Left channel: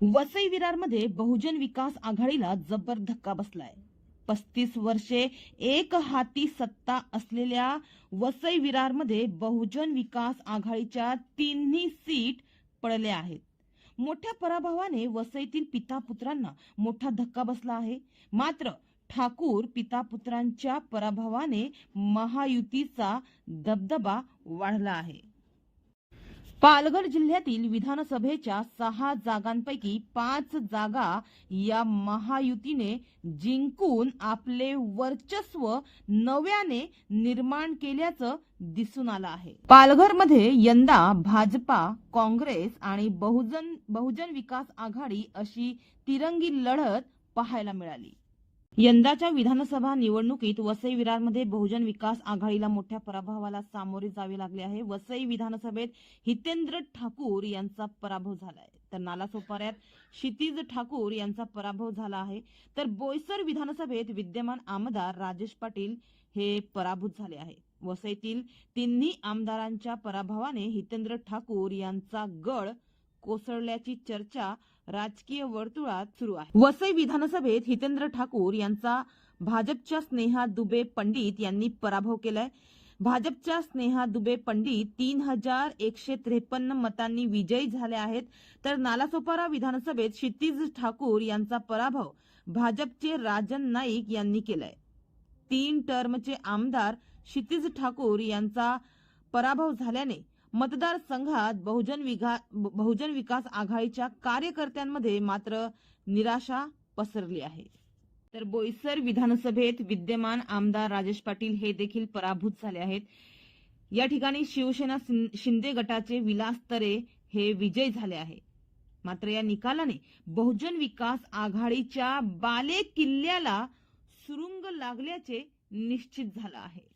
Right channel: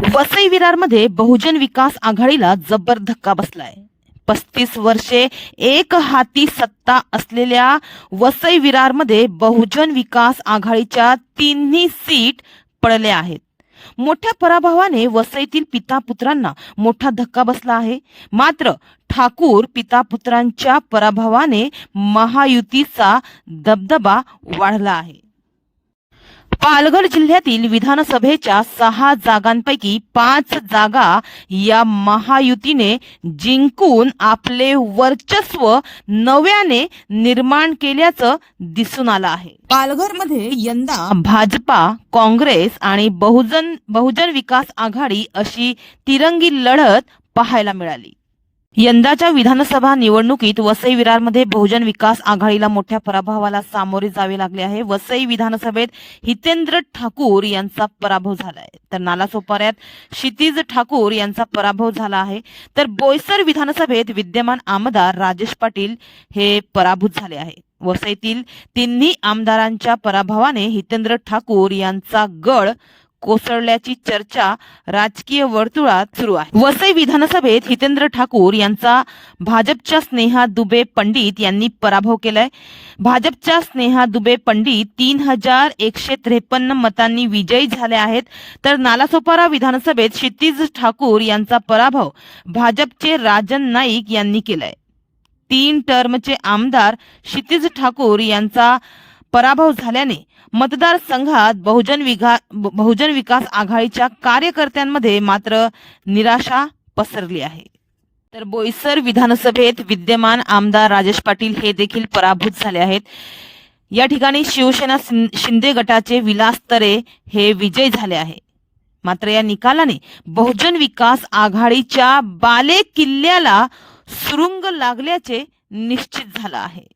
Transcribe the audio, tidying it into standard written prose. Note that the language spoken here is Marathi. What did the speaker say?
वसई विरारमध्ये बहुजन विकास आघाडीला जबर धक्का बसलाय। 35 वर्षे एक हाती सत्ता असलेल्या वसई विरारमध्ये बहुजन विकास आघाडीच्या तिन्ही सीट पडल्या आहेत। मोठ्या पराभवाने वसईतील पिता पुत्रांना मोठा धक्का बसला आहे। मात्र ठाकूर पिता पुत्रांच्या पराभवाने महायुतीचा दबदबा वाढला आहे। पालघर जिल्ह्यातील विधानसभेच्या 6 जागांपैकी 5 जागा या महायुतीने जिंकून आपले वर्चस्व नव्याने निर्माण केल्याचं दिसून आलं आहे। पालघरमध्ये यंदा भाजपा, काँग्रेस आणि बहुजन विकास आघाडी अशी तिरंगी लढत पाहायला मिळाली। यंदाच्या विधानसभा निवडणुकीत वसई विरारमध्ये बहुजन विकास आघाडीला मोठ्या पराभवाला सामोरे जावे लागले आहे। वसई विधानसभेत हितेंद्र ठाकूर यांचा पराभव झाला आहे, तर नालासोपाऱ्यात क्षितिज ठाकूर यांचा पराभव झाला आहे, तर बोईसर विधानसभेत विद्यमान आमदार राजेश पाटील हे पराभूत झाले आहे। वसईतील तिन्ही आमदारांच्या पराभवाने हितेंद्र ठाकूर यांचा गड कोसळल्याची चर्चा राजकीय वर्तुळात सुरू आहे। वसई विधानसभेत हितेंद्र ठाकूर यांचा भाजपच्या स्नेहा दुबे पंडित यांनी पराभव केलाय। भाजपच्या स्नेहा दुबे पंडित 3153 मतांनी विजयी झाले आहेत, तर नालासोपारा विधानसभेत क्षितिज ठाकूर यांचा पराभव भाजपचे राजन नाईक यांनी केलाय। 3 टर्मचे आमदार क्षितिज ठाकूर यांचा पराभव झाल्याने मतदारसंघात बहुजन विकास आघाडीच्या कार्यकर्त्यांमध्ये मात्र निराशा पसरली आहे। तर बोईसर विधानसभेत विद्यमान आमदार राजेश पाटील हे देखील पराभूत झाले आहेत। या ठिकाणी शिवसेना शिंदे गटाचे विलास तरे हे विजयी झाले आहे। मात्र या निकालाने बहुजन विकास आघाडीच्या बाले किल्ल्याला सुरुंग लागल्याचे निश्चित झालं आहे।